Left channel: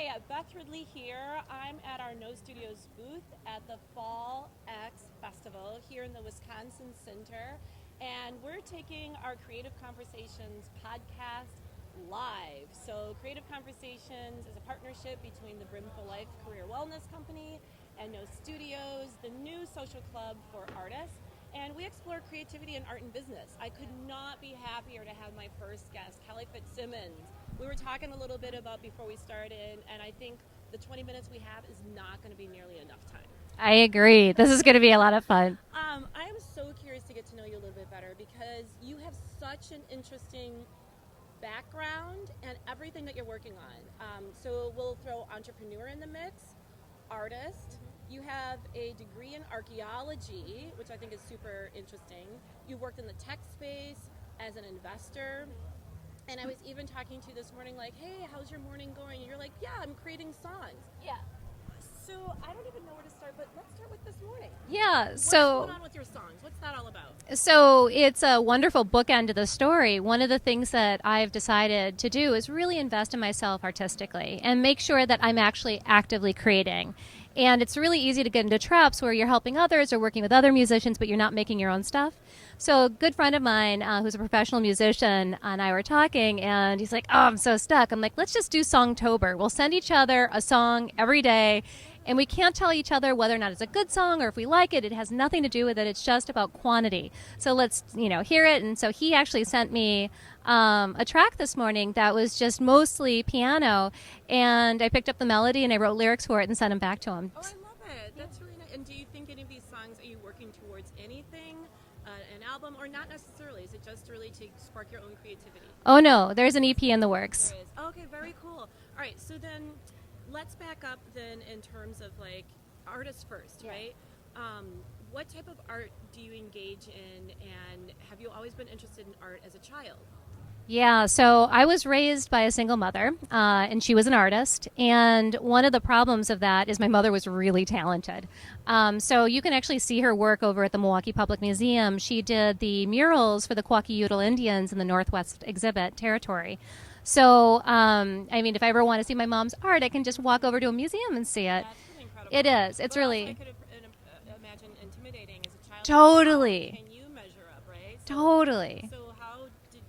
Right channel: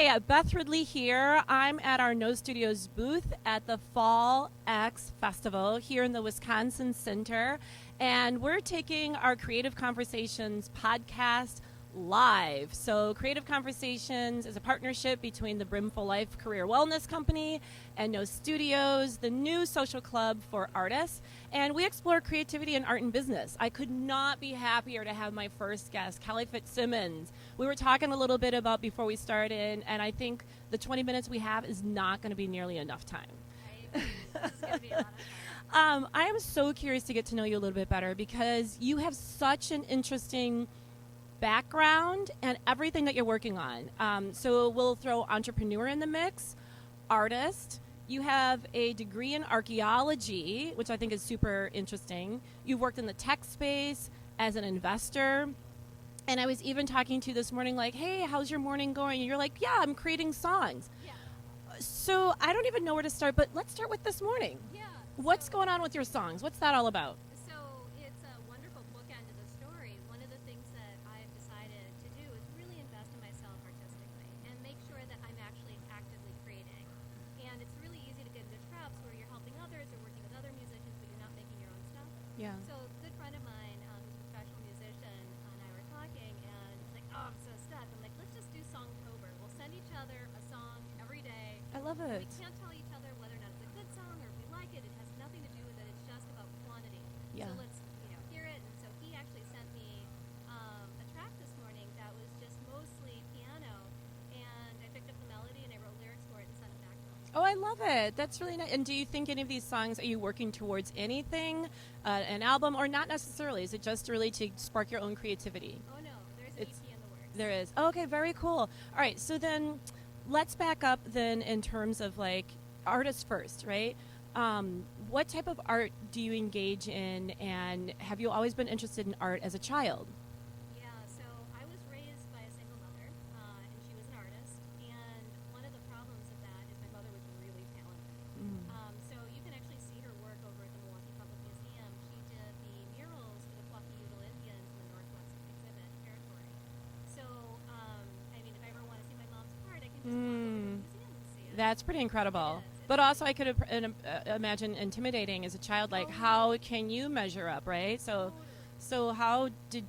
Hi, Beth Ridley here. I'm at our No Studios booth at the Fall X Festival here in the Wisconsin Center, and we're taking our Creative Conversations podcast live. So Creative Conversations is a partnership between the Brimful Life Career Wellness Company and No Studios, the new social club for artists, and we explore creativity in art and business. I could not be happier to have my first guest, Kelly Fitzsimmons. We were talking a little bit about before we started, and I think the 20 minutes we have is not going to be nearly enough time. I agree. This is going to be a lot of fun. I am so curious to get to know you a little bit better because you have such an interesting background and everything that you're working on. So we'll throw entrepreneur in the mix, artist. You have a degree in archaeology, which I think is super interesting. You've worked in the tech space as an investor. And I was even talking to you this morning like, hey, how's your morning going? And you're like, yeah, I'm creating songs. Yeah. So I don't even know where to start, but let's start with this morning. Yeah. What's going on with your songs? What's that all about? So it's a wonderful bookend to the story. One of the things that I've decided to do is really invest in myself artistically and make sure that I'm actually actively creating. And it's really easy to get into traps where you're helping others or working with other musicians, but you're not making your own stuff. Yeah. So a good friend of mine who's a professional musician and I were talking, and he's like, oh, I'm so stuck. I'm like, let's just do Songtober. We'll send each other a song every day. And we can't tell each other whether or not it's a good song or if we like it. It has nothing to do with it. It's just about quantity. Yeah. So let's, hear it. And so he actually sent me a track this morning that was just mostly piano, and I picked up the melody and I wrote lyrics for it and sent them back to him. Oh, I love it. That's really nice. And do you think any of these songs, are you working towards anything, an album, or not necessarily? Is it just really to spark your own creativity? Oh, no. There's an EP in the works. There is. Oh, okay, very cool. All right, so then let's back up then in terms of like artists first, right? What type of art do you engage in, and have you always been interested in art as a child? Yeah, so I was raised by a single mother, and she was an artist. And one of the problems of that is my mother was really talented. So you can actually see her work over at the Milwaukee Public Museum. She did the murals for the Kwakiutl Indians in the Northwest Exhibit Territory. So, if I ever want to see my mom's art, I can just walk over to a museum and see it. That's pretty incredible. It is. It's but really. Also, I could imagine intimidating as a child. Totally. Like, how can you measure up, right? So, totally. So how did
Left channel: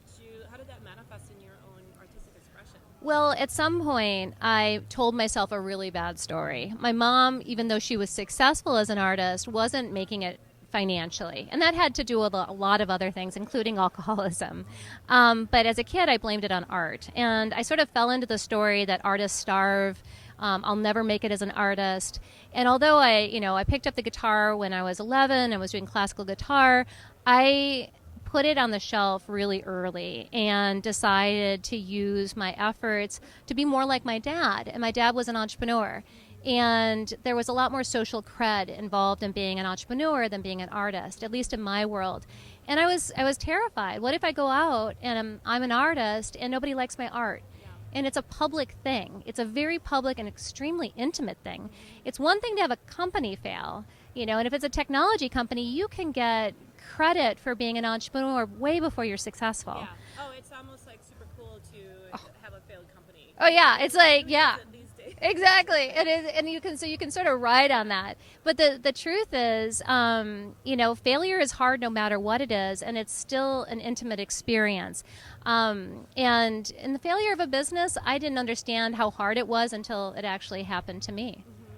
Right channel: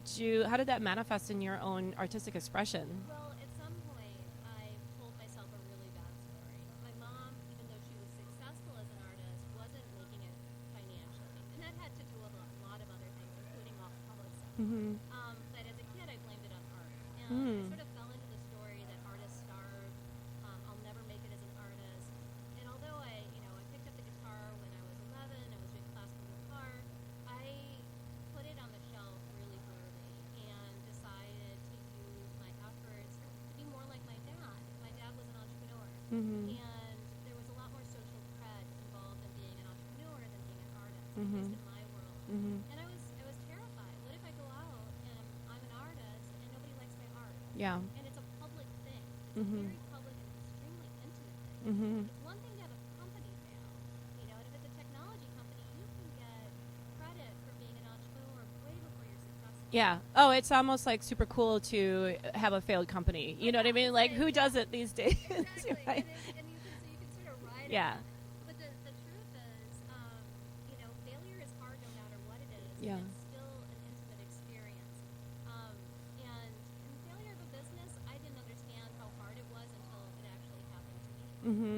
that manifest in your own artistic expression? Well, at some point, I told myself a really bad story. My mom, even though she was successful as an artist, wasn't making it financially, and that had to do with a lot of other things, including alcoholism. But as a kid, I blamed it on art, and I sort of fell into the story that artists starve. I'll never make it as an artist. And although I picked up the guitar when I was 11, I was doing classical guitar, I put it on the shelf really early and decided to use my efforts to be more like my dad. And my dad was an entrepreneur. And there was a lot more social cred involved in being an entrepreneur than being an artist, at least in my world. And I was terrified. What if I go out and I'm an artist and nobody likes my art? Yeah. And it's a public thing. It's a very public and extremely intimate thing. It's one thing to have a company fail, and if it's a technology company, you can get credit for being an entrepreneur way before you're successful. Yeah. Oh, it's almost like super cool to have a failed company. Oh, yeah. It's like who yeah. does it these days? Exactly. It is, and you can sort of ride on that. But the truth is, failure is hard no matter what it is, and it's still an intimate experience. And in the failure of a business, I didn't understand how hard it was until it actually happened to me.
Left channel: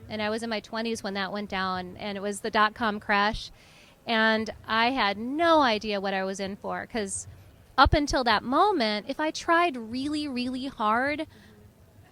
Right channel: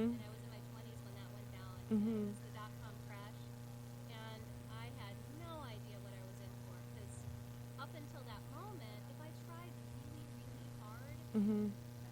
And I was in my 20s when that went down, and it was the dot-com crash. And I had no idea what I was in for, because up until that moment, if I tried really, really hard,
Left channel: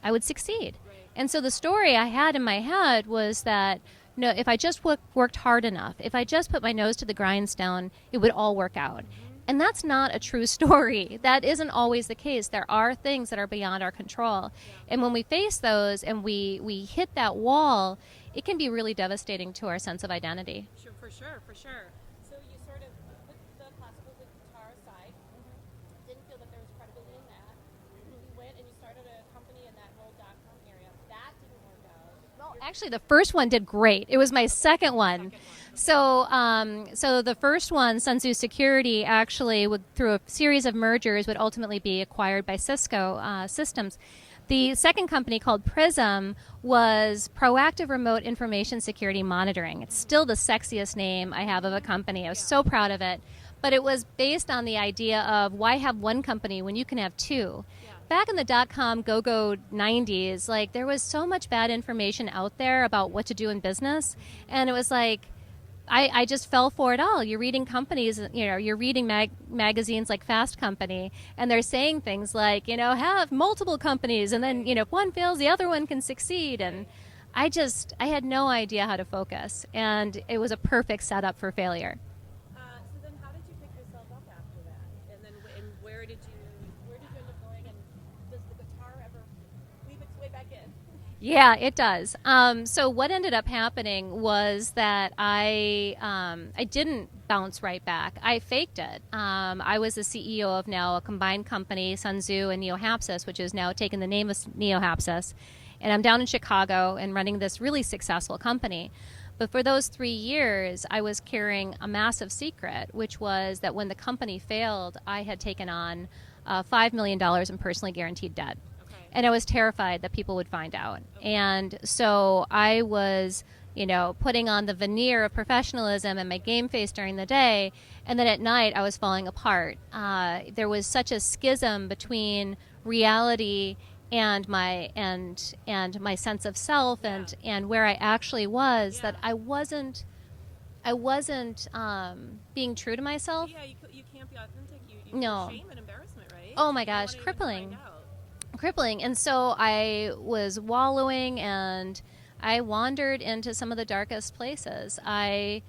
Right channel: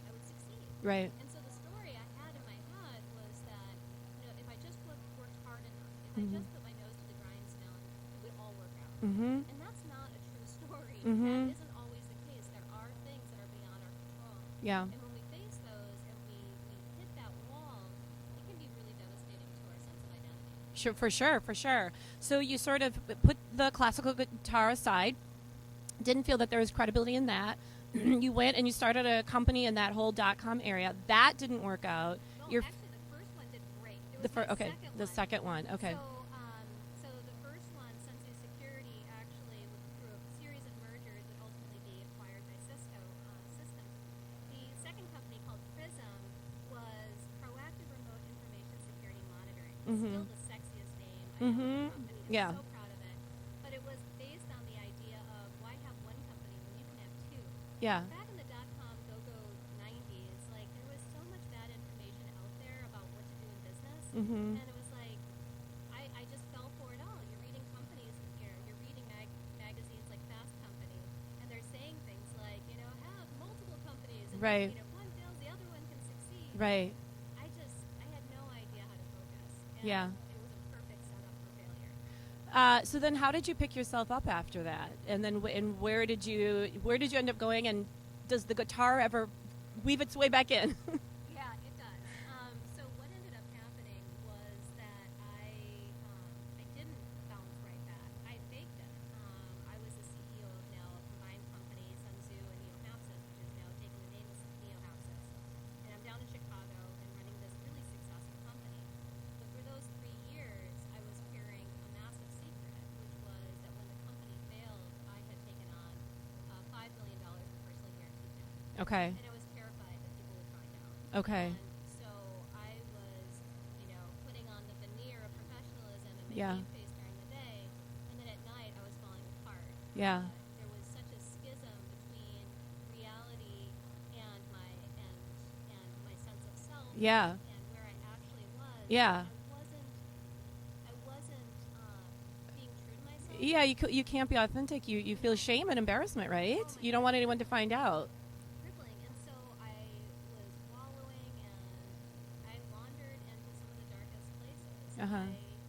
I would succeed. Right. And so the story I had in my head was that, if I just worked hard enough, if I just put my nose to the grindstone, it would all work out. And that's not a true story. That isn't always the case. There are things that are beyond our control. Yeah. And when we face those and we hit that wall, it can be really devastating to our sense of identity. Sure, for sure. So you sort of put the classical guitar aside, didn't feel that there was credibility in that. You went and you started a company in that whole .com area. That didn't work out. Well, actually, the first one did great. It was my second one. Second one, okay. So the first one, Sun Tzu Security, actually, through a series of mergers, would ultimately be acquired by Cisco Systems. The second company, called Prism, was proactive remote information security monitoring. It's still the sexiest name I have of a company. I was so proud of it. But it was based on the idea of why have one company when you can have two? Yeah. Back in the dot-com go-go 90s, like, there was so much bad information out there about what to do in business. And it was like, I just fell for it all. You're reading companies, you're reading magazines like Fast Company, and they're saying things like, have multiple companies, and then, if one fails, the other one can succeed. And I had no idea how to focus, and it was a perfect setup for failure. So then how did you pick yourself up after that? And then where did you end up going? And does the guitar ever weave its way back in? Yeah, it does. So what ended up happening was that I didn't bounce right back. I faked it. I was the CEO of now a combined company, Sun Tzu and Neo-Hapsis, which has now taken the name of Neo-Hapsis. And I'm down in Chicago and running this really successful company. But for those 3 years, I was carrying a massive secret, which was that when the company failed, I had taken on $5 million in personally guaranteed debt. Okay. And I was terrified that people would find out. Okay. And so I was, putting on the veneer of professionalism and my game face during the day. And then at night, I was falling apart. Yeah. There was such a schism between reality and my sense of self and where I actually was, that I wasn't being true to myself. Yeah, you can't be authentic. You feel shame and embarrassment, right? Oh my gosh, you don't want anyone crippling. to find out. Crippling. And so I was wallowing, and I wandered into some of the darkest places. I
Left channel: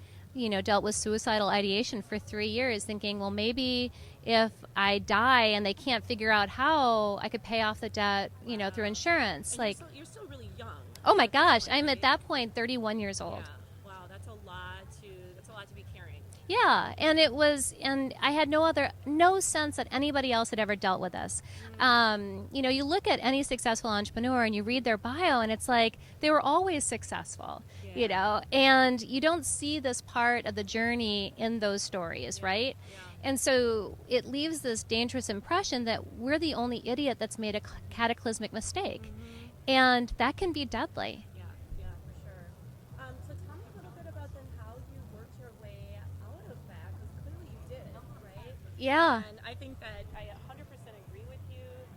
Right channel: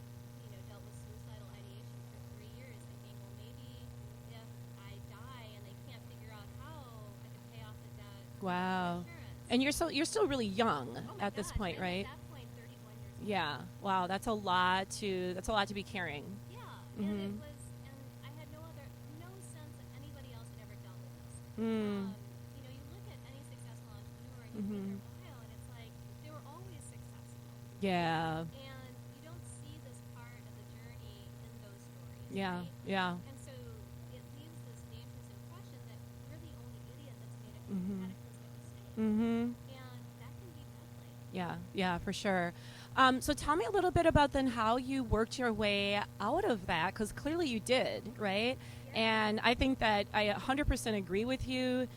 dealt with suicidal ideation for 3 years, thinking, well, maybe if I die and they can't figure out how, I could pay off the debt, through insurance. And you're still really young. Oh my at this gosh, point, I'm right? at that point 31 years old. Yeah. Wow, that's a lot to be carrying. Yeah, and and I had no sense that anybody else had ever dealt with this. You look at any successful entrepreneur and you read their bio, and it's like they were always successful. Yeah. And you don't see this part of the journey in those stories, right? Yeah. And so it leaves this dangerous impression that we're the only idiot that's made a cataclysmic mistake, and that can be deadly. Yeah, for sure. So tell me a little bit about then how you worked your way out of that, because clearly you did, right? Yeah. And I think that I 100% agree with you.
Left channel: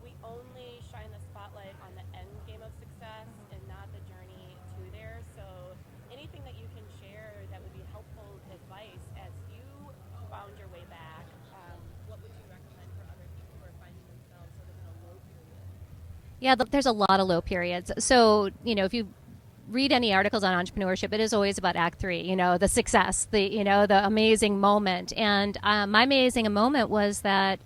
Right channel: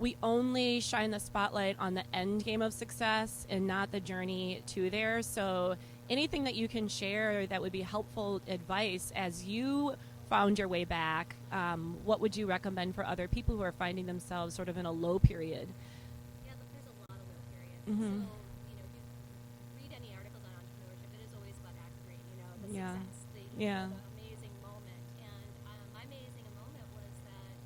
We only shine the spotlight on the end game of success and not the journey to there. So anything that you can share that would be helpful advice as you found your way back, what would you recommend for other people who are finding themselves sort of in a low period? Yeah, there's a lot of low periods. So, if you read any articles on entrepreneurship, it is always about Act 3, the success, the amazing moment. And my amazing moment was that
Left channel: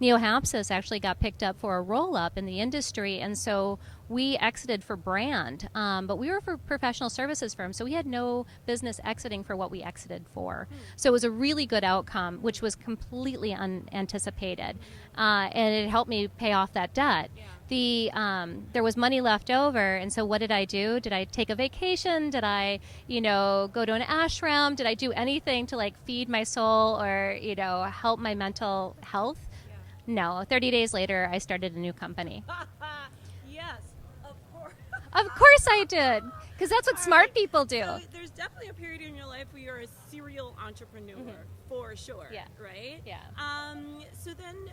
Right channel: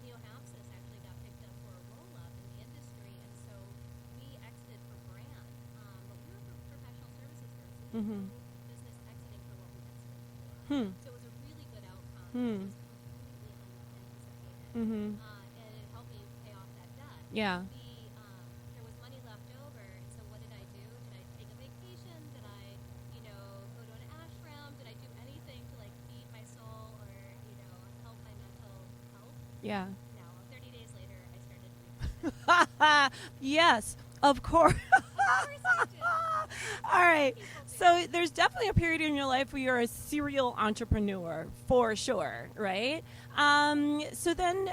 Neo-Hapsis actually got picked up for a roll-up in the industry, and so we exited for brand, but we were for professional services firm, so we had no business exiting for what we exited for. So it was a really good outcome, which was completely unanticipated, and it helped me pay off that debt. Yeah. There was money left over, and so what did I do? Did I take a vacation? Did I, go to an ashram? Did I do anything to feed my soul or, help my mental health? Yeah. No. 30 days later, I started a new company. Yes, of course. Of course I did, because that's what All smart right. people do. So there's definitely a period in your life where you're a serial entrepreneur, for sure, right? Yeah. So then,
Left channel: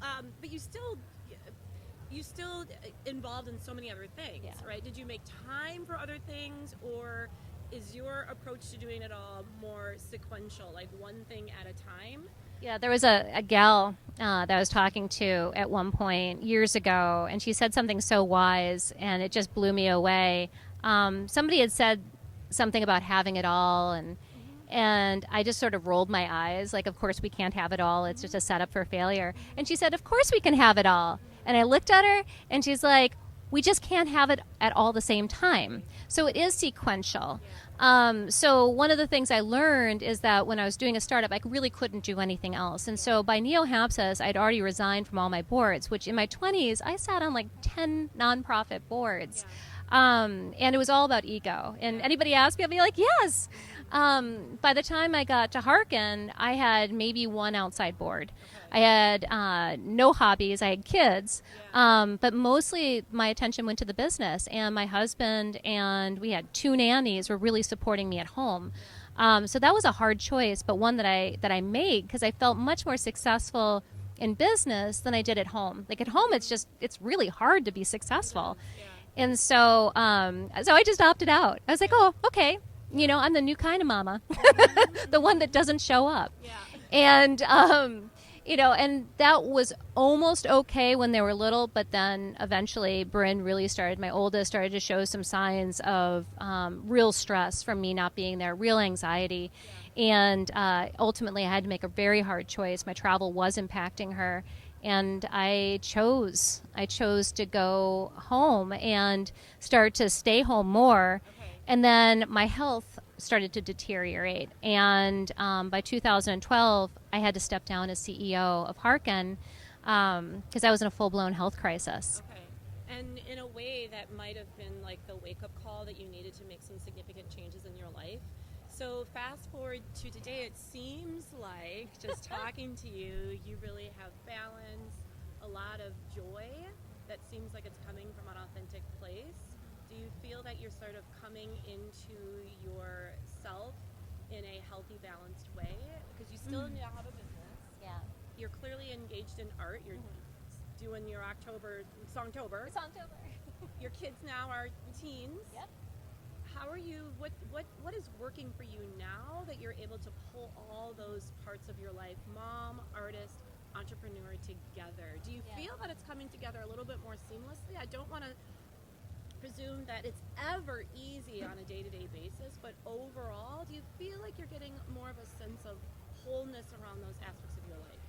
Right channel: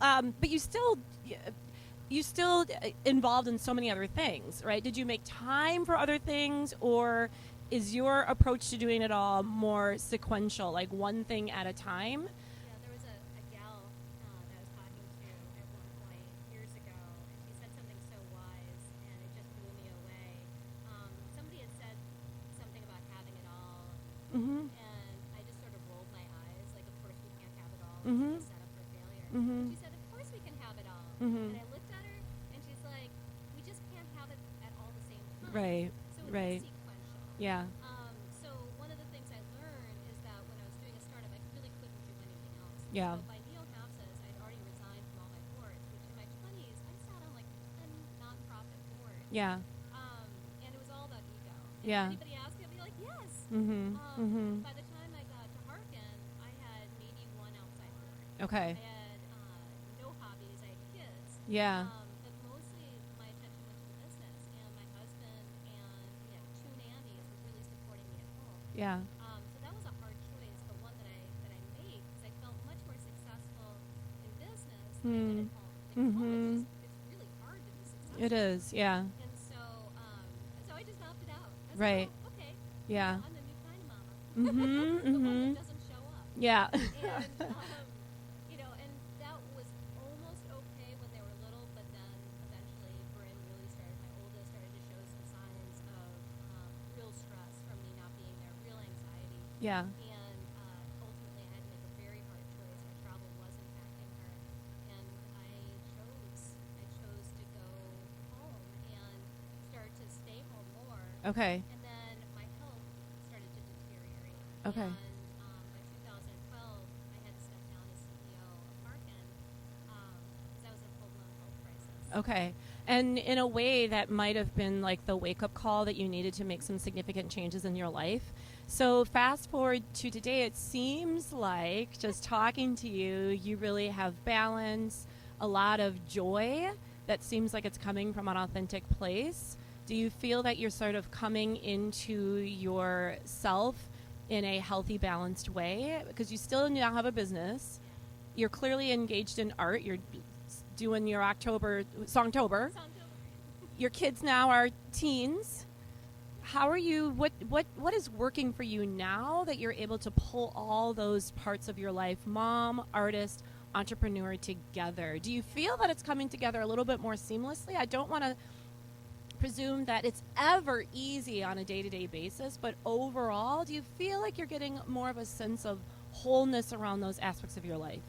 but you still involved in so many other things, right? Did you make time for other things, or is your approach to doing it all more sequential, like one thing at a time? Yeah, there was a gal that I was talking to at one point years ago, and she said something so wise, and it just blew me away. Somebody had said something about having it all, and I just sort of rolled my eyes, like, of course we can't have it all. It's just a setup for failure. And she said, of course we can have it all. And I looked at her, and she's like, we just can't have it at all the same time. Right. So it is sequential. Yeah. So one of the things I learned is that when I was doing a startup, I really couldn't do anything else. And so by Neo-Hapsis, I'd already resigned from all my boards, which in my 20s, I sat on like 10 nonprofit boards. Yeah. And it was all about ego. And Yeah. anybody asked me, I'd be like, yes. Mm-hmm. By the time I got to Harkin, I had maybe one outside board. Okay. I had no hobbies. I had kids. Yeah. But mostly my attention went to the business. And my husband and we had 2 nannies were really supporting me at home. Yeah. So that was a hard choice, but one that I made because I felt much more successful in business than I did at home. Like at home, it's really hard to be successful. It is. Yeah. And so, so I just opted out. I was like, Right. oh, okay. Yeah. You know, I'm the new kind of mama, Mhm, the one that mhm. doesn't show up. Yeah. And, you know, and that was almost okay when they were little, but then eventually Bryn really started, my oldest started to show some signs of real stress from me not being there, real anxiety. Yeah. And ultimately I had to make a very hard choice. My travel was impacting her. And I chose to go home and start to stay home more. Okay. And then my health started to deteriorate. Okay. And by 2012, I had to step down as CEO of Harkin because I was in a full-blown health crisis. Okay. And in a way that might have been like the wake-up call that you needed to make some significant changes in your life. So fast forward to today, it seems like just talking to you, you really have balance, a lot of joy that seems like it's coming from an authentic place. Do you feel that you're sort of coming into yourself in a healthy, balanced way? Because you still now have a business. Yeah. You're clearly engaged in art. You're doing your Songtober. Your kids now are teens. Yep. How are you, what is working for you now that you're able to pull all those parts of your life, mom, artist, entrepreneur, together? Do you feel that it's coming together a little bit more seamlessly? I don't want to presume that it's ever easy on a day-to-day basis, but overall, do you feel like you're getting more of a sense of wholeness around those aspects of your life?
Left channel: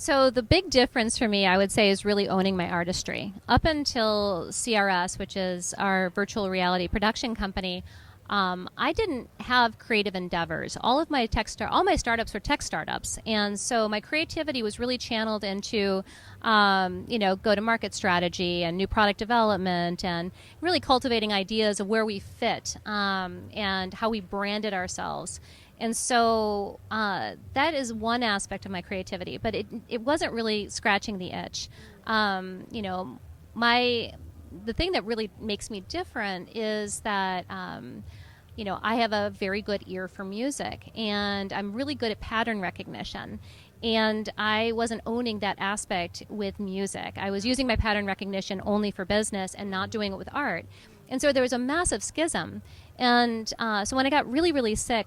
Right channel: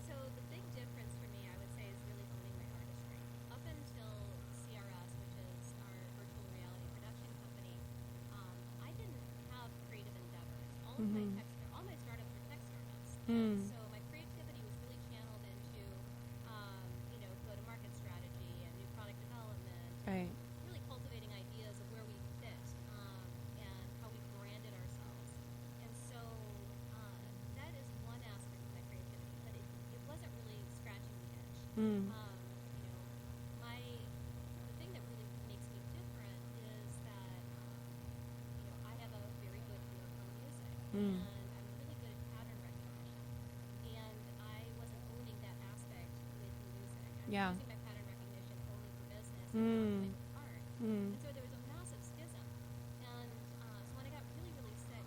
So the big difference for me, I would say, is really owning my artistry. Up until CRS, which is our virtual reality production company, I didn't have creative endeavors. All of my all my startups were tech startups, and so my creativity was really channeled into, you know, go-to-market strategy and new product development, and really cultivating ideas of where we fit and how we branded ourselves. And so that is one aspect of my creativity, but it wasn't really scratching the itch. You know, the thing that really makes me different is that, you know, I have a very good ear for music, and I'm really good at pattern recognition. And I wasn't owning that aspect with music. I was using my pattern recognition only for business and not doing it with art. And so there was a massive schism. And so when I got really, really sick,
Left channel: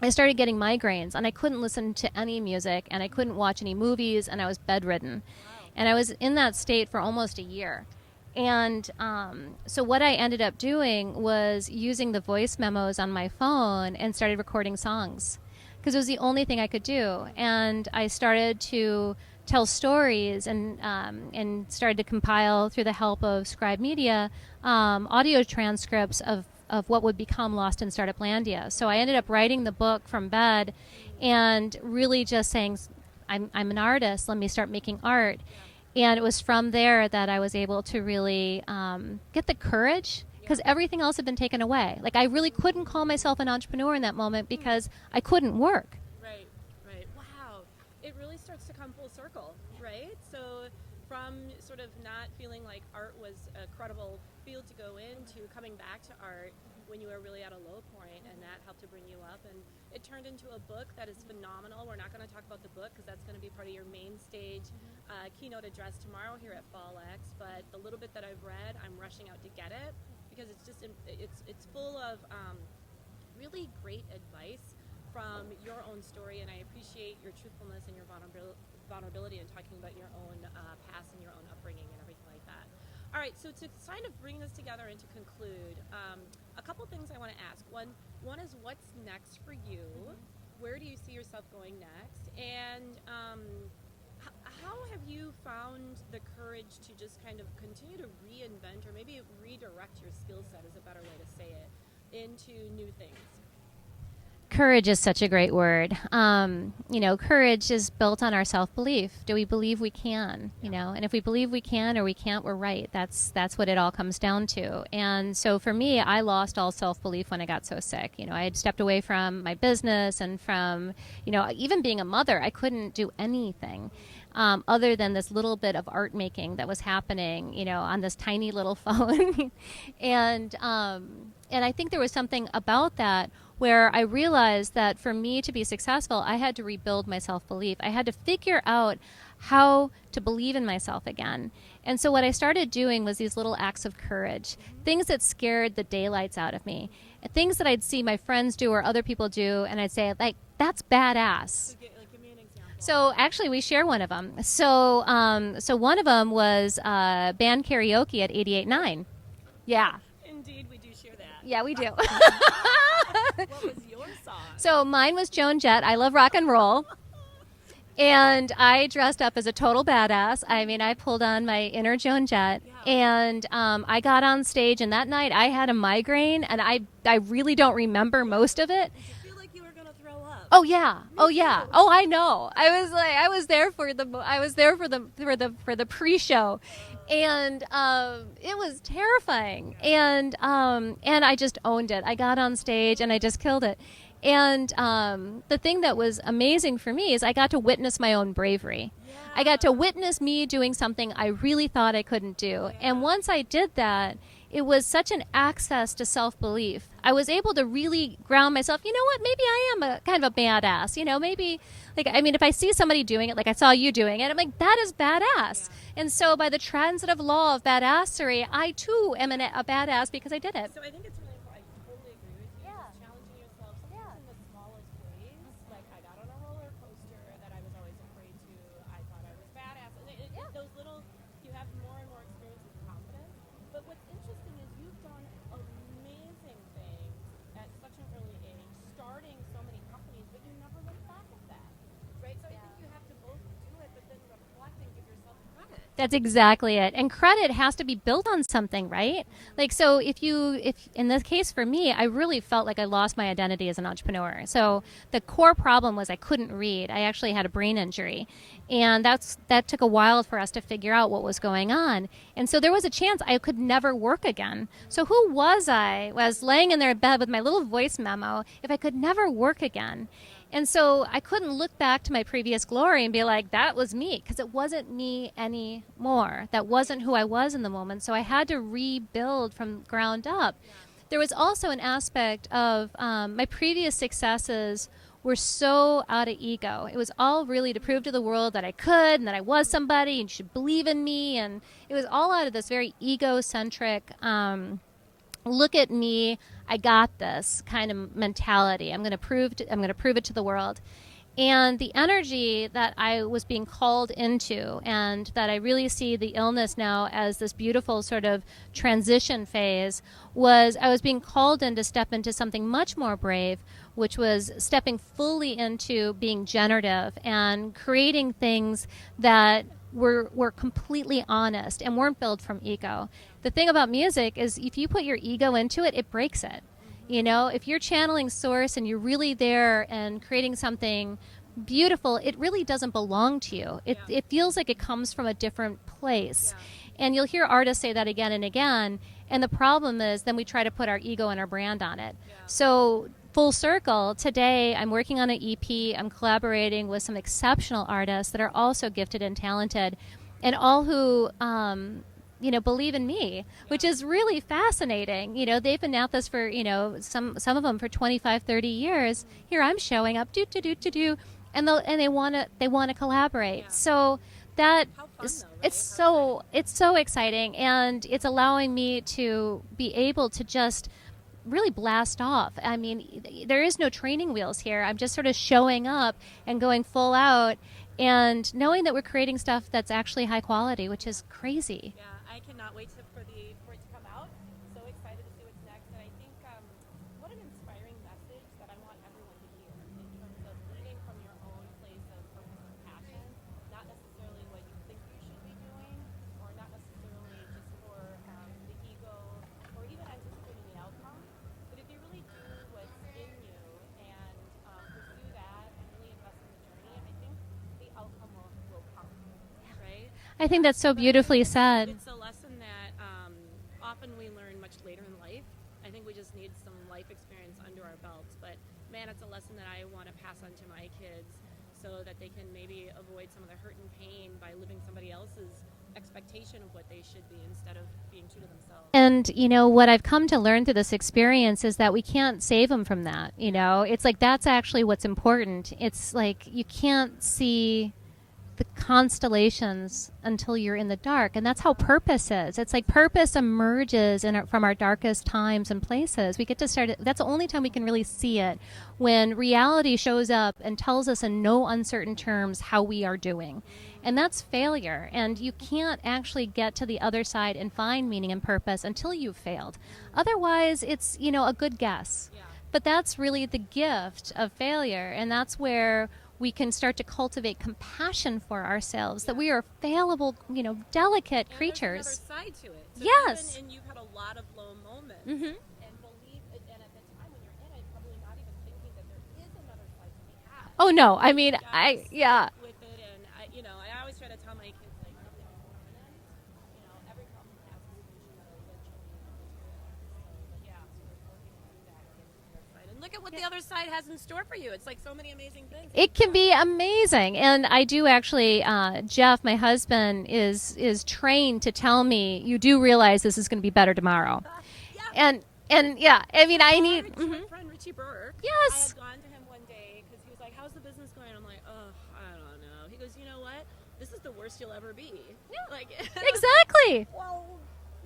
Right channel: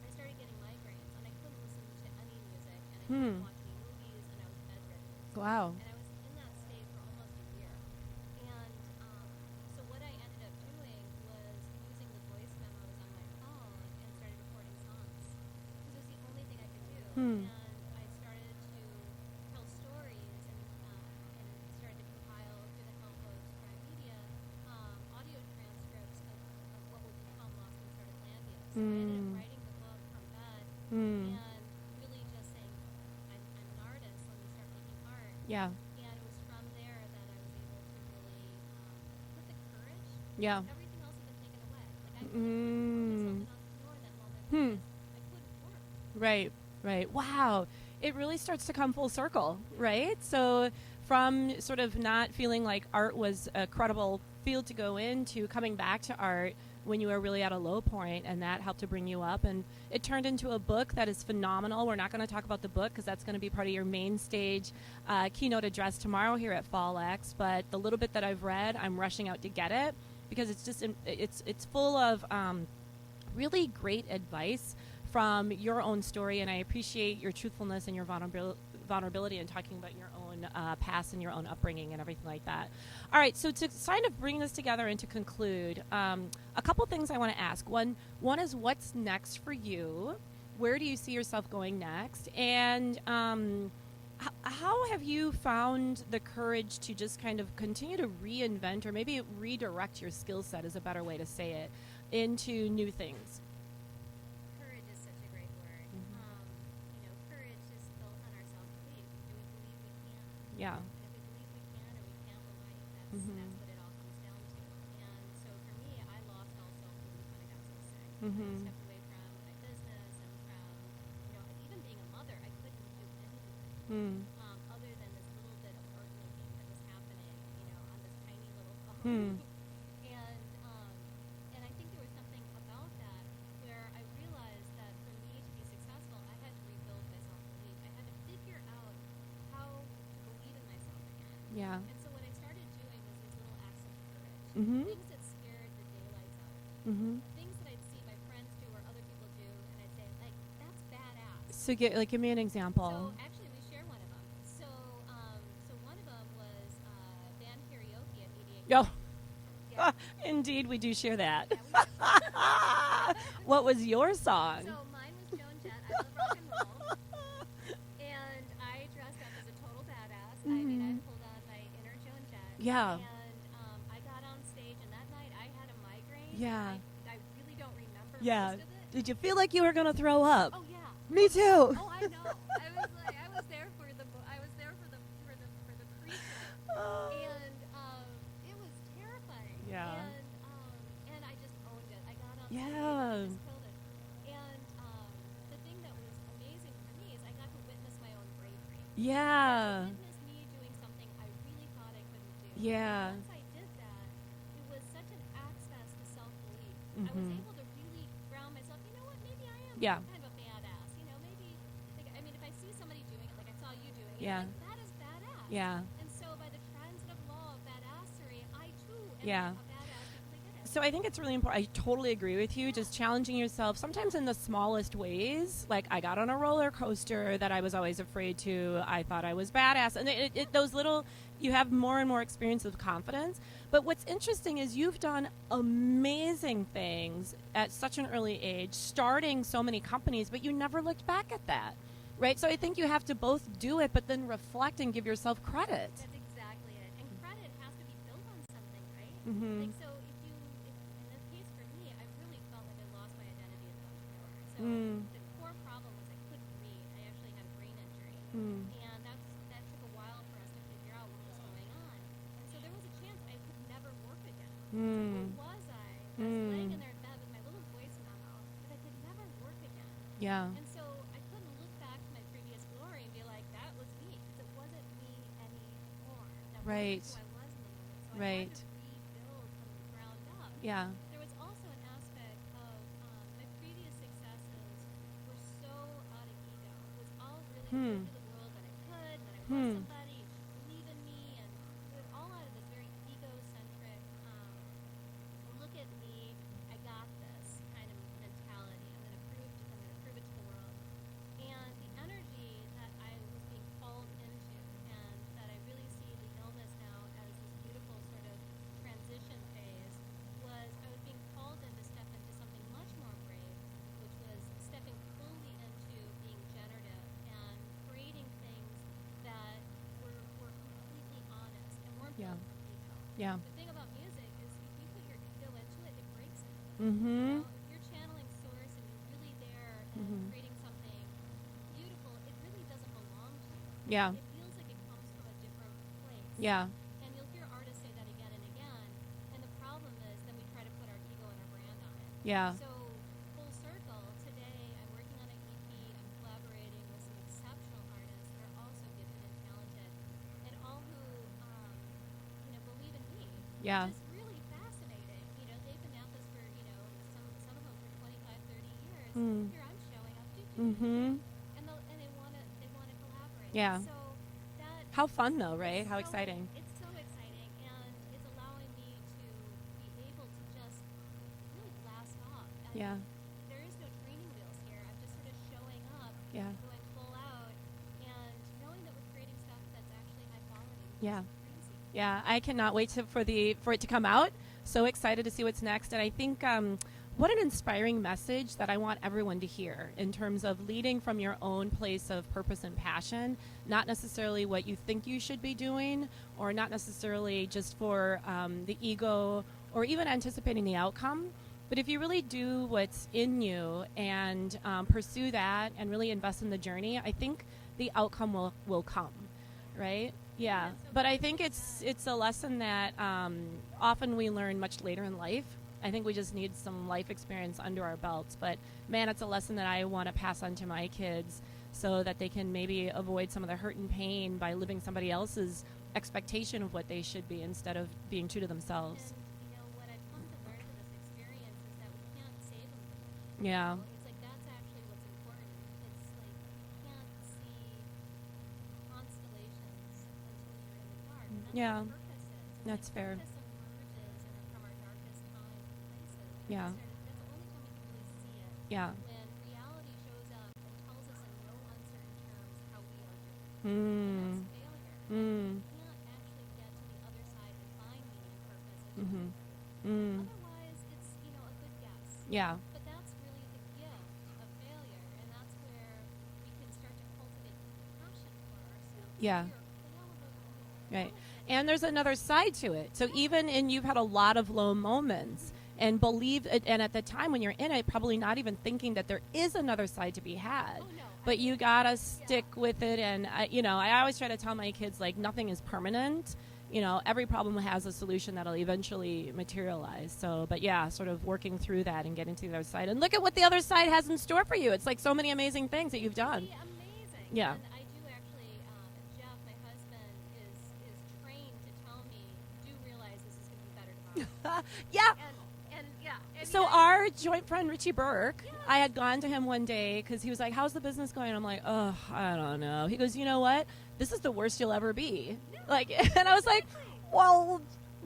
I started getting migraines, and I couldn't listen to any music, and I couldn't watch any movies, and I was bedridden. Wow. And I was in that state for almost a year. And so what I ended up doing was using the voice memos on my phone and started recording songs, because it was the only thing I could do. And I started to tell stories and started to compile, through the help of Scribe Media, audio transcripts of what would become Lost in Startuplandia. So I ended up writing the book from bed and really just saying, I'm an artist, let me start making art. Yeah. And it was from there that I was able to really get the courage, because everything else had been taken away. Like I really couldn't call myself an entrepreneur in that moment because I couldn't work. Right, right. Wow. It really starts to come full circle, right? So from sort of not feeling like art was a credible field to go into, coming back to art when you were really at a low point, and that helped to bring you up, and it turned into a book that is phenomenal. We're not going to talk about the book because that's going to be part of your main stage keynote address tomorrow here at Fall X, but the little bit that I've read, I'm rushing out to get it because it's just it's full of really great advice from your own story, and I appreciate your truthfulness and your vulnerability in talking about your own past and your own upbringing and everything like that. All right, so to kind of bring this together and to conclude, a couple things I want to ask. One is, what's next for you? Where do you see yourself going next? And how have you found the courage to just kind of continue to reinvent, or maybe redirect your skill set is a better way to say it, into new things? Courage is such a great word. Courage is built on our self-belief. Do we believe we can? Yeah. And if we believe we can or we can't, we're right. That's what it all comes down to. And so for me, I lost all self-belief when I got so sick. I had stepped away from my business and from, even being a mother, I couldn't do anything other than this little bit of art making that was happening, on this tiny little phone. And I think there was something about that where I realized that for me to be successful, I had to rebuild my self-belief. I had to figure out how to believe in myself again. Yeah. And so what I started doing was these little acts of courage, things that scared the daylights out of me, things that I'd see my friends do or other people do, and I'd say, like, that's badass. So give me an example. So actually, we share one of them. So one of them was band karaoke at 88.9. Yeah. Indeed, we do share that. Yeah, we do. What was your song? So mine was Joan Jett, I Love Rock and Roll. And I dressed up as a total badass. I mean, I pulled on my inner Joan Jett. Yeah. And I got on stage, and that night I had a migraine, and I really don't remember most of it. Did you feel like you were going to throw up? Oh yeah. Me oh yeah. too. Oh, I know. I was there for the pre-show. And it was terrifying. Yeah. And I just owned it. I got on stage and I just killed it. And the thing that was amazing for me is I got to witness my own bravery. Yeah. I got to witness me doing something I really thought I couldn't do. Yeah. And once I did that, it was such an access to self-belief. I was able to really ground myself. You know what? Maybe I am a kind of a badass. Maybe, if I see somebody doing it, like I saw you doing it, I'm like, that is badass. Yeah. And so by the transitive law of badassery, I too am a badass because I did it. So I think it's really important. I totally agree with you. Just challenging yourself, sometimes in the smallest ways. Like I got on a roller coaster that I was always afraid to. I thought I was badass. And those little, you have more and more experience with confidence. But what's interesting is you've done amazing things at such an early age, starting so many companies, but you never looked back at that. Right? So I think you have to both do it, but then reflect and give yourself credit. That's exactly it. And credit has to be built on something, right? Like, so if in this case for me, I really felt like I lost my identity as an entrepreneur. So the core problem was I couldn't read. I actually had a brain injury. And that took a while for us to figure out what was going on. And so there was a chance I could never work again. So who was I? I was laying in their bed with my little voice memo if I could never work again. Yeah. And so I couldn't look back to my previous glory and be like, that was me, because it wasn't me anymore. That wasn't who I was in the moment. So I had to rebuild from ground up. Yeah. There was also an aspect of my previous successes were so out of ego. It was all really to prove to the world that I could and that I was somebody and you should believe in me. And it was all out of this very egocentric, look at me, I got this kind of mentality. I'm going to prove it to the world. And the energy that I was being called into, and that I really see the illness now as this beautiful sort of transition phase, was I was being called in to step into something much more brave, which was stepping fully into being generative and creating things that were completely honest and weren't built from ego. Yeah. The thing about music is if you put your ego into it, it breaks it. If you're channeling source and you're really there and creating something beautiful, it really doesn't belong to you. It feels like it comes from a different place. Yeah. And you'll hear artists say that again and again. And the problem is then we try to put our ego and our brand on it. Yeah. So full circle, today I'm working on an EP. I'm collaborating with some exceptional artists that are also gifted and talented, and all who believe in me, which is really fascinating. They've been at this for, some of them for 25, 30 years. Here I'm showing up, and they want to collaborate. Yeah. So that How fun though, right? It's so exciting, and it's allowing me to be able to just really blast off. I mean, there is no training wheels here. I'm just sort of showing up and going full out, and knowing that we're creating stuff that's actually high quality, which is crazy. Yeah, I cannot wait for it to come out. So excited to see what's next. And I think what an inspiring message that I want everyone to hear in terms of leading from your own place of purpose and passion, not necessarily what you think you should be doing, or not necessarily just for the ego or even anticipating the outcome, But if you really do what's in you and pursue that and really invest in the journey, I think the outcome will come, right? I think that's so But beautifully I think said. It's a lesson that often we learn much later in life. I think we just need some life experience under our belts. But man, it's a lesson that I want to pass on to my kids so that they can maybe avoid some of the hurt and pain by living somebody else's expectation of what they should be instead of being true to themselves. And, you know, what I've come to learn through this experience is that we can't save them from that. You know, it's like that's actually what's important. It's like you can't see the constellations until you're in the dark, and that's how purpose is. It's like purpose emerges from our darkest times and places. We get to start it. That's the only time we can really see it, when reality shows up and tells us in no uncertain terms how we are doing. And that's failure. And you can't actually get to the other side and find meaning and purpose until you've failed. Otherwise, it's, you know, a good guess. But that's really the gift of failure, and that's where we can start to cultivate compassion for ourselves, that we are fallible, you know, delicate and creatures. There's another side to it. So even in you've had a lot of low moments and believe it, and at the time when you're in it, probably not even thinking that there is another side to be had. Oh no, but I mean, I stick with it, and I always try to tell my kids, like, nothing is permanent. You know, every problem has a solution that'll eventually materialize. So, but sort of working through that and getting to the other side. And look at what the other side has in store for you. It's like so many amazing things. It can be amazing. And I do actually, Jeff, my husband, is trained to tell me, you do realize this is going to be better tomorrow. And yeah, I mean, our joint friend Richie Burke. Yes. I had gone to him one day because he was like, "How's the business going?" I'm like, "Oh, I don't know." He goes, "You know what? This is the worst you'll ever be." Like, exactly. Like, well,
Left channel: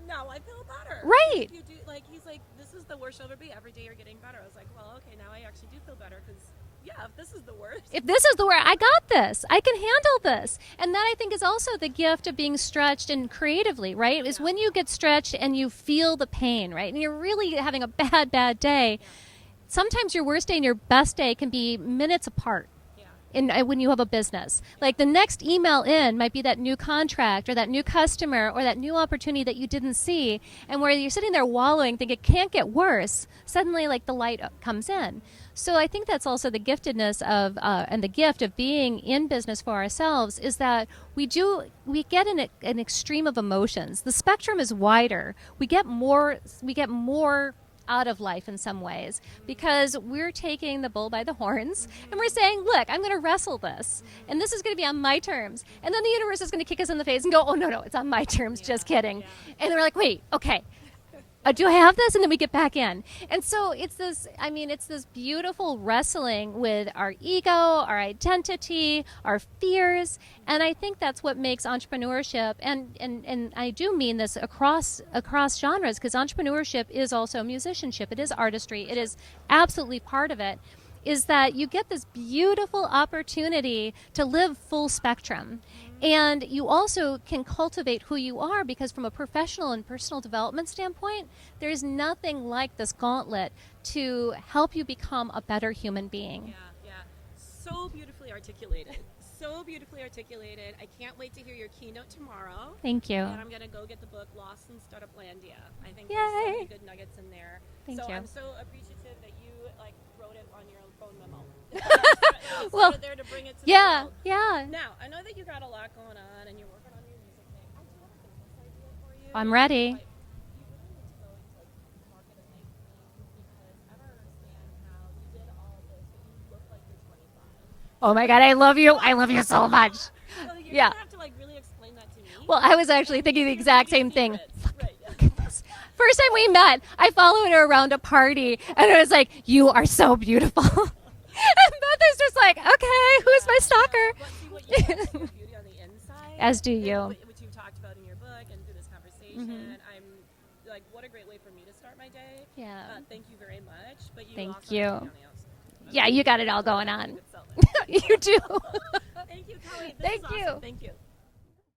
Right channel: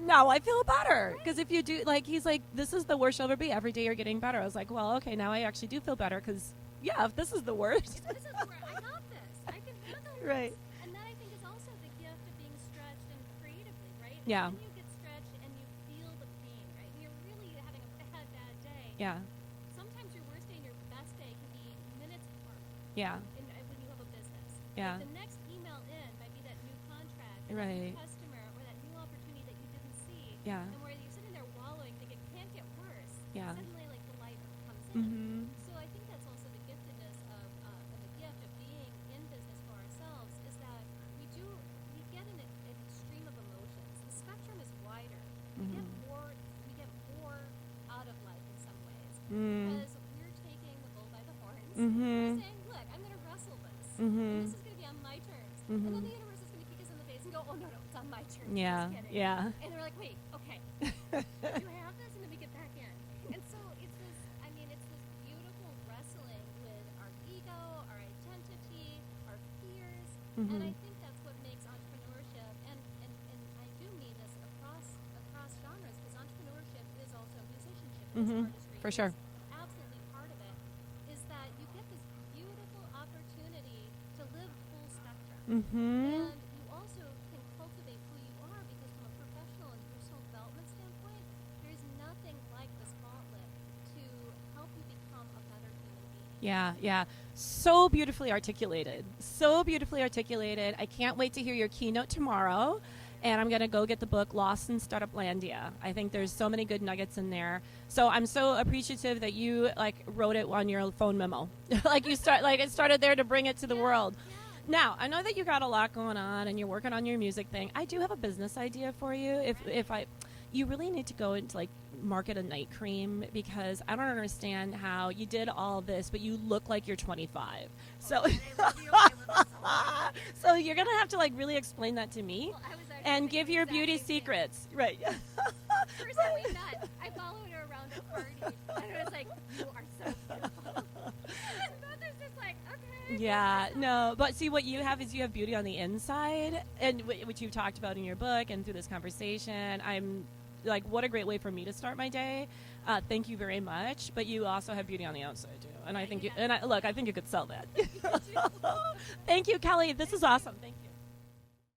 now I feel better. Right. If you do, like, he's like, "This is the worst you'll ever be. Every day you're getting better." I was like, "Well, okay, now I actually do feel better because." Yeah, if this is the worst. If this is the worst, I got this. I can handle this. Right. And that, I think, is also the gift of being stretched and creatively, right? Is when you get stretched and you feel the pain, right? And you're really having a bad day. Yeah. Sometimes your worst day and your best day can be minutes apart. Yeah. When you have a business. Like the next email in might be that new contract or that new customer or that new opportunity that you didn't see. Yeah. And where you're sitting there wallowing, thinking it can't get worse, suddenly like the light comes in. So I think that's also the giftedness of and the gift of being in business for ourselves is that we get an extreme of emotions. The spectrum is wider. We get more out of life in some ways because we're taking the bull by the horns and we're saying, look, I'm going to wrestle this and this is going to be on my terms. And then the universe is going to kick us in the face and go, oh no, it's on my terms, just kidding. And we're like, wait, okay, do I have this? And then we get back in. And so it's this beautiful wrestling with our ego, our identity, our fears. And I think that's what makes entrepreneurship, and I do mean this across genres, because entrepreneurship is also musicianship. It is artistry. It is absolutely part of it. Is that you get this beautiful opportunity to live full spectrum. And you also can cultivate who you are, because from a professional and personal development standpoint, there's nothing like this gauntlet to help you become a better human being. Yeah. So beautifully articulated. I can't wait to hear your keynote tomorrow. Thank you. And I'm going to go get the book Lost in Startuplandia. I think there's so many good nuggets in there. Thank you. I'm so appreciative that you wrote it on your phone memo. It started there to bring it to the world. Yeah. Now, I know that you got a lot going on and you're working on your music thing. I do have a business idea for you. I'm ready. You really need to go into market a night cream, because I don't understand how you did all this, but you look like you're 25. Oh my God, I love you. I love you so much. So you're going to have to really explain that to me. Well, I was actually thinking the exact same thing. Right. First time we met, I followed her around a party and I was like, you are so beautiful. And both is just like, okay, who's my stalker? No, but see, what you have is you have beauty on the inside. As do you. Which you've talked about in your book and through this conversation. I'm what a great way for me to start my day. Yeah. Thank you very much. But you also have beauty on the outside, too. You got it all going on. I think you could sell that. You do. Thank you, Kelly. This is awesome. Thank you.